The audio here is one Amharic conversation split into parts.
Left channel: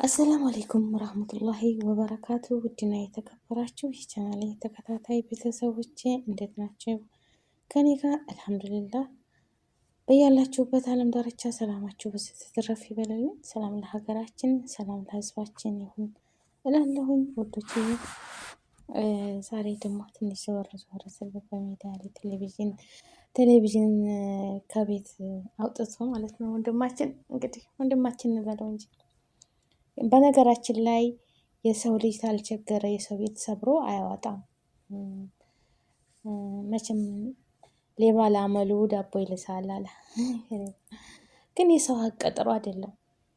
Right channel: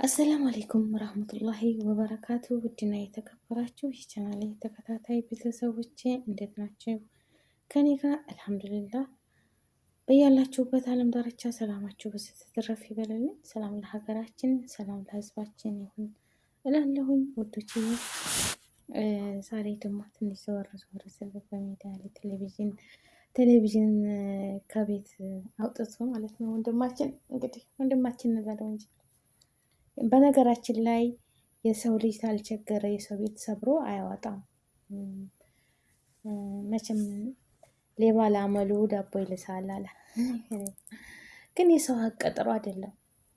አሰላሙ አለይኩም ወራህመቱላሂ ወበረካቱ። ውድና የተከበራችሁ የቻናሌ ተከታታይ ቤተሰቦቼ እንዴት ናቸው? ከኔ ጋር አልሐምዱሊላህ። በያላችሁበት ዓለም ዳርቻ ሰላማችሁ ብዙ ትትረፍ ይበልልኝ። ሰላም ለሀገራችን፣ ሰላም ለሕዝባችን ይሁን እላለሁኝ ውዶቼ። ዛሬ ደግሞ ትንሽ ዘወር ዘወር ስል በሚዲያ ላይ ቴሌቪዥን ከቤት አውጥቶ ማለት ነው ወንድማችን፣ እንግዲህ ወንድማችን እንበለው እንጂ በነገራችን ላይ የሰው ልጅ ካልቸገረ የሰው ቤት ሰብሮ አያወጣም። መቼም ሌባ ላመሉ ዳቦ ይልሳል አለ። ግን የሰው ሀቅ ጥሩ አይደለም።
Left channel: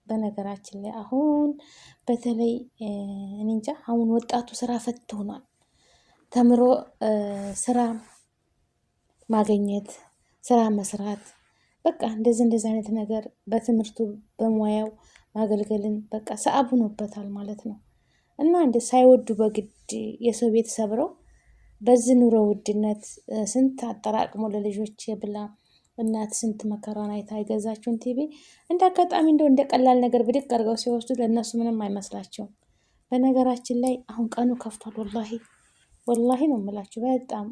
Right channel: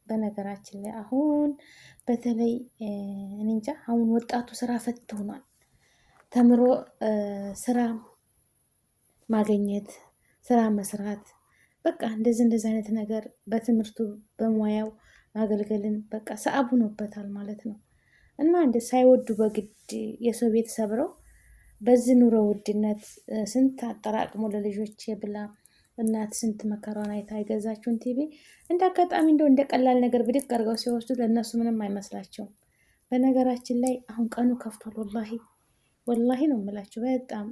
በነገራችን ላይ አሁን በተለይ እኔ እንጃ አሁን ወጣቱ ስራ ፈት ሆኗል። ተምሮ ስራ ማግኘት፣ ስራ መስራት፣ በቃ እንደዚህ አይነት ነገር በትምህርቱ በሙያው ማገልገልን በቃ ሰአብ ሆኖበታል ማለት ነው። እና እንደ ሳይወዱ በግድ የሰው ቤት ሰብረው በዚህ ኑሮ ውድነት ስንት አጠራቅሞ ለልጆች ብላ እናት ስንት መከራን አይታ የገዛችውን ቲቪ እንደ አጋጣሚ እንደ ቀላል ነገር ብድግ አድርገው ሲወስዱ ለእነሱ ምንም አይመስላቸውም። በነገራችን ላይ አሁን ቀኑ ከፍቷል። ወላሂ ነው የምላችሁ። በጣም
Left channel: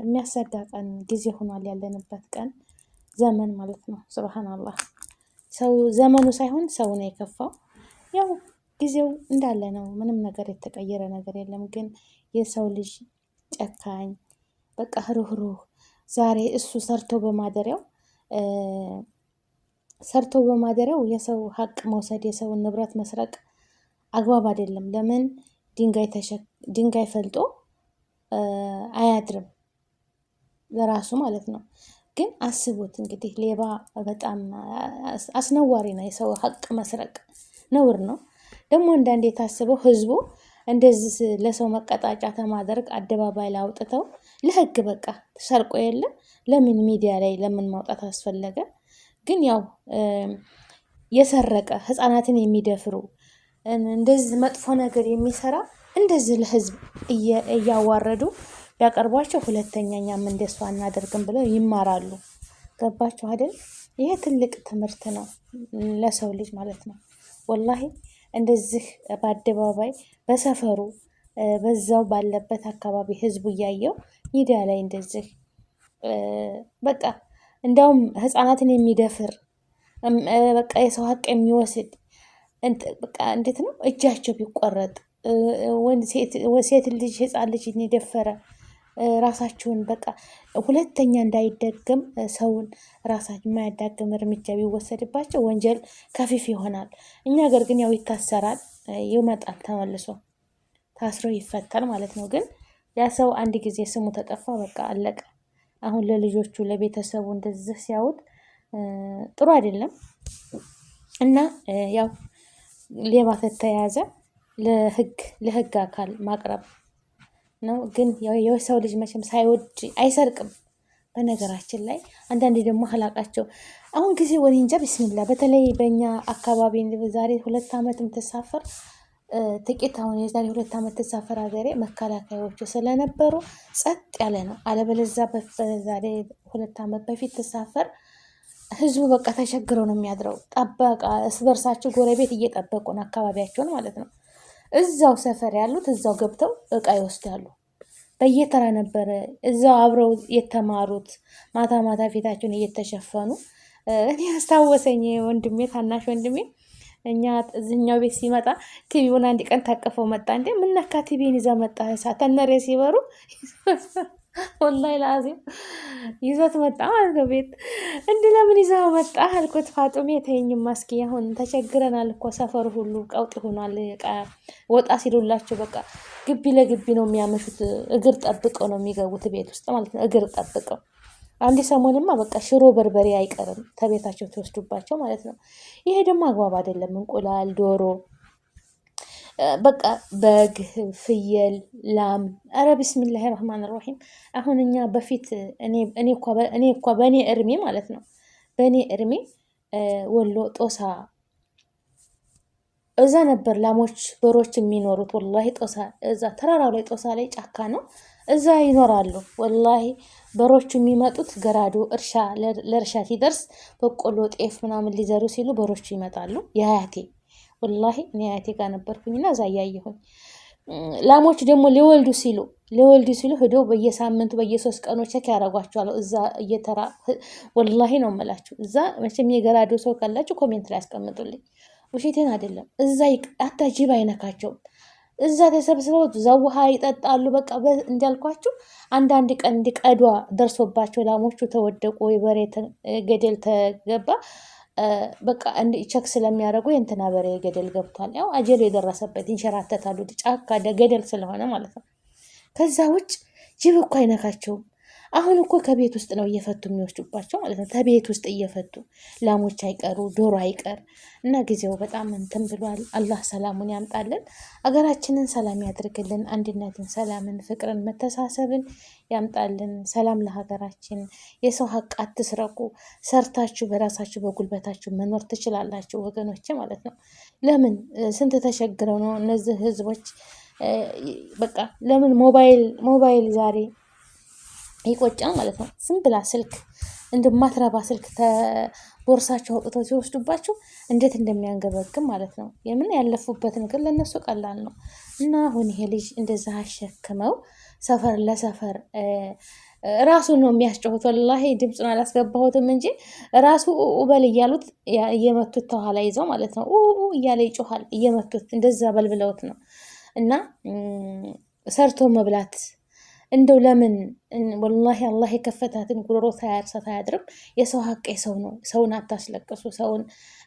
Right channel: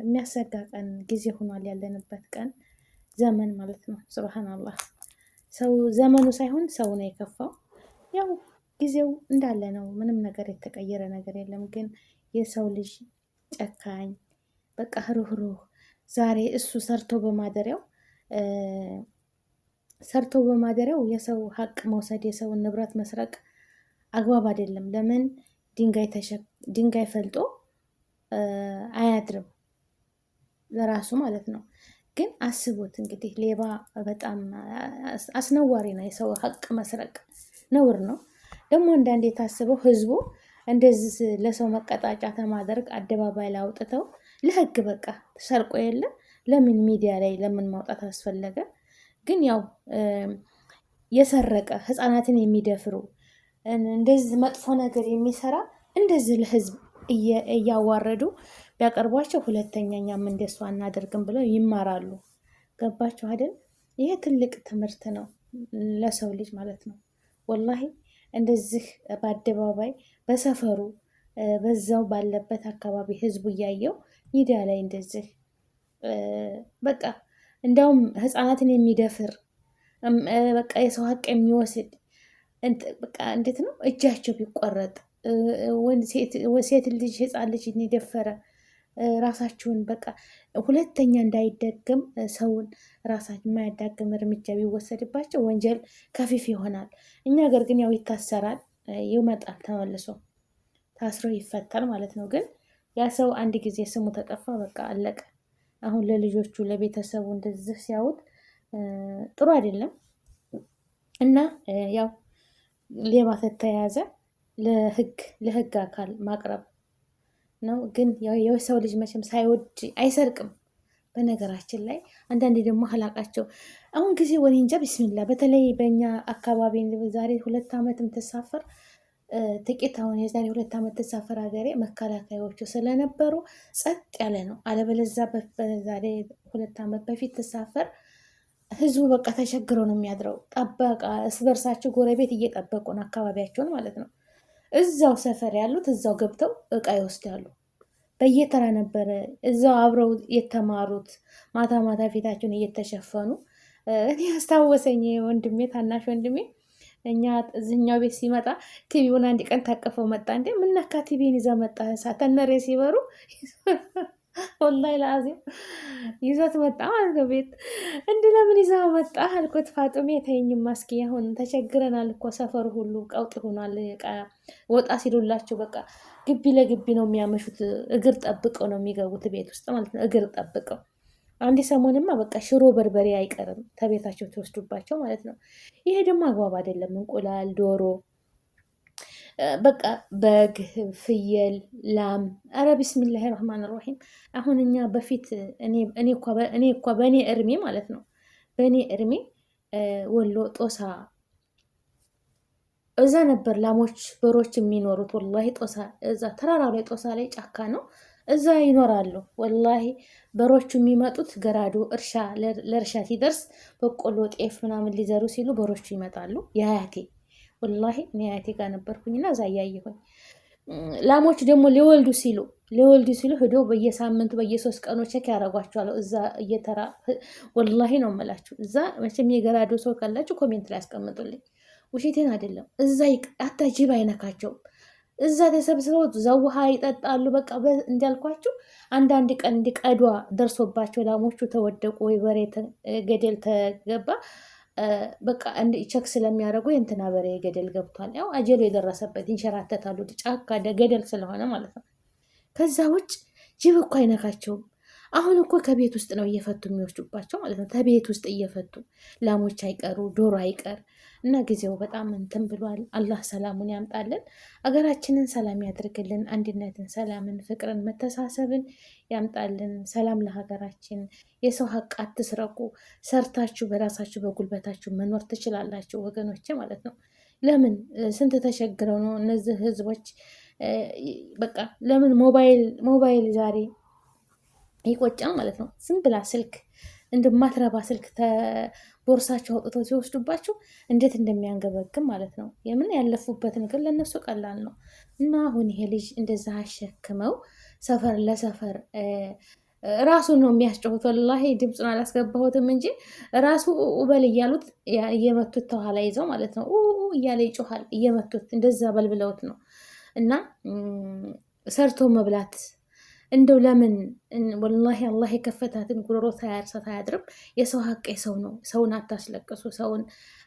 የሚያሰጋ ቀን ጊዜ ሆኗል ያለንበት ቀን ዘመን ማለት ነው። ሱብሃንአላህ። ሰው ዘመኑ ሳይሆን ሰው ነው የከፋው። ያው ጊዜው እንዳለ ነው። ምንም ነገር የተቀየረ ነገር የለም። ግን የሰው ልጅ ጨካኝ፣ በቃ ሩህሩህ። ዛሬ እሱ ሰርቶ በማደሪያው የሰው ሀቅ መውሰድ፣ የሰውን ንብረት መስረቅ አግባብ አይደለም። ለምን ድንጋይ ፈልጦ አያድርም ለራሱ ማለት ነው። ግን አስቡት እንግዲህ ሌባ በጣም አስነዋሪ ነው። የሰው ሀቅ መስረቅ ነውር ነው። ደግሞ አንዳንዴ የታስበው ህዝቡ እንደዚህ ለሰው መቀጣጫ ተማደርግ አደባባይ ላይ አውጥተው ለህግ በቃ ተሰርቆ የለ ለምን ሚዲያ ላይ ለምን ማውጣት አስፈለገ? ግን ያው የሰረቀ ህፃናትን የሚደፍሩ እንደዚህ መጥፎ ነገር የሚሰራ እንደዚህ ለህዝብ እያዋረዱ ቢያቀርቧቸው ሁለተኛ እኛም እንደሷ አናደርግም ብለው ይማራሉ። ገባችሁ አይደል? ይሄ ትልቅ ትምህርት ነው ለሰው ልጅ ማለት ነው። ወላሂ እንደዚህ በአደባባይ በሰፈሩ በዛው ባለበት አካባቢ ህዝቡ እያየው ሚዲያ ላይ እንደዚህ በቃ እንዳውም ህፃናትን የሚደፍር በቃ የሰው ሀቅ የሚወስድ በቃ እንዴት ነው እጃቸው ቢቆረጥ ሴት ልጅ ህፃን ልጅ የደፈረ ራሳችሁን በቃ ሁለተኛ እንዳይደግም ሰውን ራሳችን የማያዳግም እርምጃ ቢወሰድባቸው ወንጀል ከፊፍ ይሆናል። እኛ ሀገር ግን ያው ይታሰራል፣ ይመጣል፣ ተመልሶ ታስሮ ይፈታል ማለት ነው። ግን ያ ሰው አንድ ጊዜ ስሙ ተጠፋ፣ በቃ አለቀ። አሁን ለልጆቹ ለቤተሰቡ እንደዚህ ሲያዩት ጥሩ አይደለም። እና ያው ሌባ ተተያዘ ለህግ አካል ማቅረብ ነው። ግን የሰው ልጅ መቼም ሳይወድ አይሰርቅም። በነገራችን ላይ አንዳንዴ ደግሞ አላቃቸው አሁን ጊዜ ወኔ እንጃ ቢስሚላ። በተለይ በእኛ አካባቢ ዛሬ 2 ዓመት የምትሳፈር ጥቂት አሁን የዛሬ 2 ዓመት ተሳፈር ሀገሬ መከላከያዎቹ ስለነበሩ ጸጥ ያለ ነው። አለበለዛ በዛሬ 2 ዓመት በፊት ተሳፈር ህዝቡ በቃ ተቸግረው ነው የሚያድረው። ጠበቃ እርስ በርሳቸው ጎረቤት እየጠበቁ ነው አካባቢያቸውን ማለት ነው። እዛው ሰፈር ያሉት እዛው ገብተው እቃ ይወስዳሉ። በየተራ ነበረ እዛው አብረው የተማሩት ማታ ማታ ፊታቸውን እየተሸፈኑ። እኔ አስታወሰኝ ወንድሜ፣ ታናሽ ወንድሜ እኛ እዚህኛው ቤት ሲመጣ ቲቪውን አንድ ቀን ታቀፈው መጣ። እንዴ ምነካ ቲቪን ይዛ መጣ? ተነሬ ሲበሩ ወላሂ ላዚም ይዞት መጣ ማለት ነው ቤት። እንዲህ ለምን ይዘው መጣ አልኩት። ፋጡሜ ተይኝማ እስኪ አሁን ተቸግረናል እኮ ሰፈሩ ሁሉ ቀውጥ ሆኗል። ወጣ ሲሉላቸው በቃ ግቢ ለግቢ ነው የሚያመሹት። እግር ጠብቀው ነው የሚገቡት ቤት ውስጥ ማለት ነው። እግር ጠብቀው አንድ ሰሞንማ በቃ ሽሮ በርበሬ አይቀርም ተቤታቸው ተወስዱባቸው ማለት ነው። ይሄ ደግሞ አግባብ አይደለም። እንቁላል፣ ዶሮ፣ በቃ በግ፣ ፍየል፣ ላም፣ አረ ቢስሚላሂ ረህማን ረሂም። አሁን እኛ በፊት እኔ እኳ በእኔ እድሜ ማለት ነው በእኔ እድሜ ወሎ ጦሳ እዛ ነበር ላሞች በሮች የሚኖሩት። ወላሂ ጦሳ እዛ ተራራው ላይ ጦሳ ላይ ጫካ ነው፣ እዛ ይኖራሉ። ወላሂ በሮቹ የሚመጡት ገራዶ እርሻ ለእርሻ ሲደርስ በቆሎ ጤፍ ምናምን ሊዘሩ ሲሉ በሮቹ ይመጣሉ። የአያቴ ወላሂ እኔ አያቴ ጋር ነበርኩኝና እዛ እያየሁኝ ላሞች ደግሞ ሊወልዱ ሲሉ ሄደው በየሳምንቱ በየ3 ቀኑ ቼክ ያደርጓቸዋል። እዛ እየተራ ወላሂ ነው የምላችሁ። እዛ መቼም የገራዶ ሰው ካላችሁ ኮሜንት ላይ ያስቀምጡልኝ። ውሸቴን አይደለም። እዛ አታ ጅብ አይነካቸውም። እዛ ተሰብስበው እዛ ውሃ ይጠጣሉ። በቃ እንዳልኳችሁ አንዳንድ ቀን እንዲቀዷ ደርሶባቸው ላሞቹ ተወደቁ፣ የበሬ ገደል ተገባ፣ በቃ ቸክ ስለሚያደርጉ የእንትና በሬ ገደል ገብቷል። ያው አጀሉ የደረሰበት ይንሸራተታሉ፣ ጫካ ገደል ስለሆነ ማለት ነው። ከዛ ውጭ ጅብ እኮ አይነካቸውም። አሁን እኮ ከቤት ውስጥ ነው እየፈቱ የሚወስዱባቸው ማለት ነው። ከቤት ውስጥ እየፈቱ ላሞች አይቀሩ ዶሮ አይቀር እና ጊዜው በጣም እንትን ብሏል። አላህ ሰላሙን ያምጣልን፣ አገራችንን ሰላም ያድርግልን፣ አንድነትን፣ ሰላምን፣ ፍቅርን፣ መተሳሰብን ያምጣልን። ሰላም ለሀገራችን። የሰው ሀቅ አትስረቁ። ሰርታችሁ በራሳችሁ በጉልበታችሁ መኖር ትችላላችሁ ወገኖች ማለት ነው። ለምን ስንት ተቸግረው ነው እነዚህ ህዝቦች በቃ ለምን ሞባይል ዛሬ ይቆጫል ማለት ነው። ዝም ብላ ስልክ እንደማትረባ ስልክ ቦርሳቸው አውጥተው ሲወስዱባቸው እንዴት እንደሚያንገበግም ማለት ነው። የምን ያለፉበትን ግን ለነሱ ቀላል ነው። እና አሁን ይሄ ልጅ እንደዛ አሸክመው ሰፈር ለሰፈር ራሱን ነው የሚያስጨሁት። ወላሂ ድምፁን አላስገባሁትም እንጂ ራሱ ኡበል እያሉት እየመቱት ተኋላ ይዘው ማለት ነው እያለ ይጮሃል። እየመቱት እንደዛ በልብለውት ነው። እና ሰርቶ መብላት እንደው ለምን ወላሂ አላህ የከፈታትን ጉሮሮ ሳያርሳት አያድርም። የሰው ሀቅ የሰው ነው። ሰውን አታስለቅሱ፣ ሰውን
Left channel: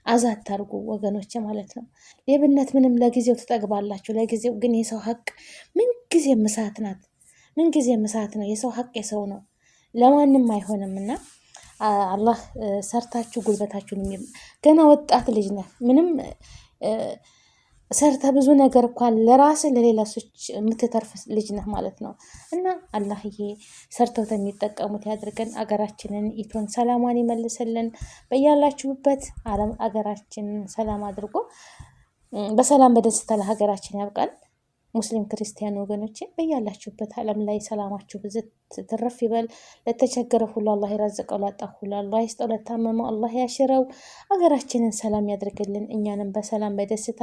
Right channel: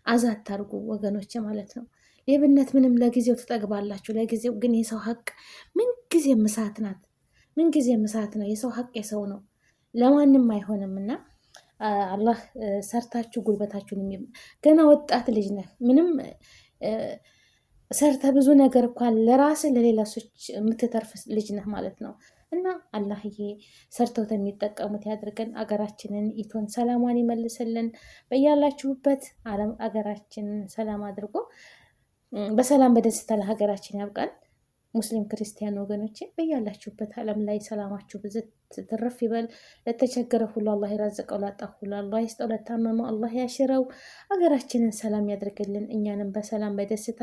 አዛ አታርጉ ወገኖች ማለት ነው። ሌብነት ምንም ለጊዜው ትጠግባላችሁ፣ ለጊዜው ግን የሰው ሀቅ ምንጊዜ ምሳት ናት። ምንጊዜ ምሳት ነው። የሰው ሀቅ የሰው ነው፣ ለማንም አይሆንም። እና አላህ ሰርታችሁ ጉልበታችሁን ገና ወጣት ልጅ ነህ ምንም ሰርተ ብዙ ነገር እንኳን ለራስ ለሌላ ሰዎች የምትተርፍ ልጅ ነህ ማለት ነው። እና አላህዬ ሰርተው የሚጠቀሙት ያድርገን። አገራችንን ኢቶን ሰላሟን ይመልስልን። በያላችሁበት ዓለም አገራችንን ሰላም አድርጎ በሰላም በደስታ ለሀገራችን ያብቃል። ሙስሊም ክርስቲያን ወገኖቼ በያላችሁበት ዓለም ላይ ሰላማችሁ ብዝት ትርፍ ይበል። ለተቸገረ ሁሉ አላህ ይረዝቀው፣ ላጣ ሁሉ አላህ ይስጠው፣ ለታመመው አላህ ያሽረው። ሀገራችንን ሰላም ያድርግልን። እኛንም በሰላም በደስታ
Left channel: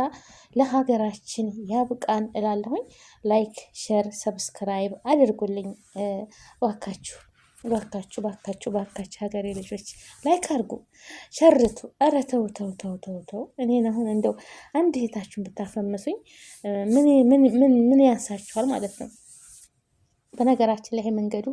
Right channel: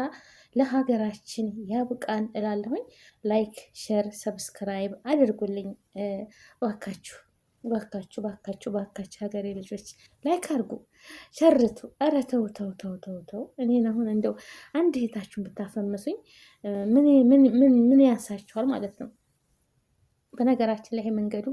ለሀገራችን ያብቃን እላለሁኝ። ላይክ፣ ሼር፣ ሰብስክራይብ አድርጉልኝ እባካችሁ። ባካችሁ ባካችሁ ባካችሁ ሀገሬ ልጆች ላይክ አድርጉ፣ ሸርቱ። ኧረ ተው ተው ተው ተው ተው። እኔን አሁን እንደው አንድ እህታችሁን ብታፈምሱኝ ምን ያንሳችኋል ማለት ነው። በነገራችን ላይ መንገዱ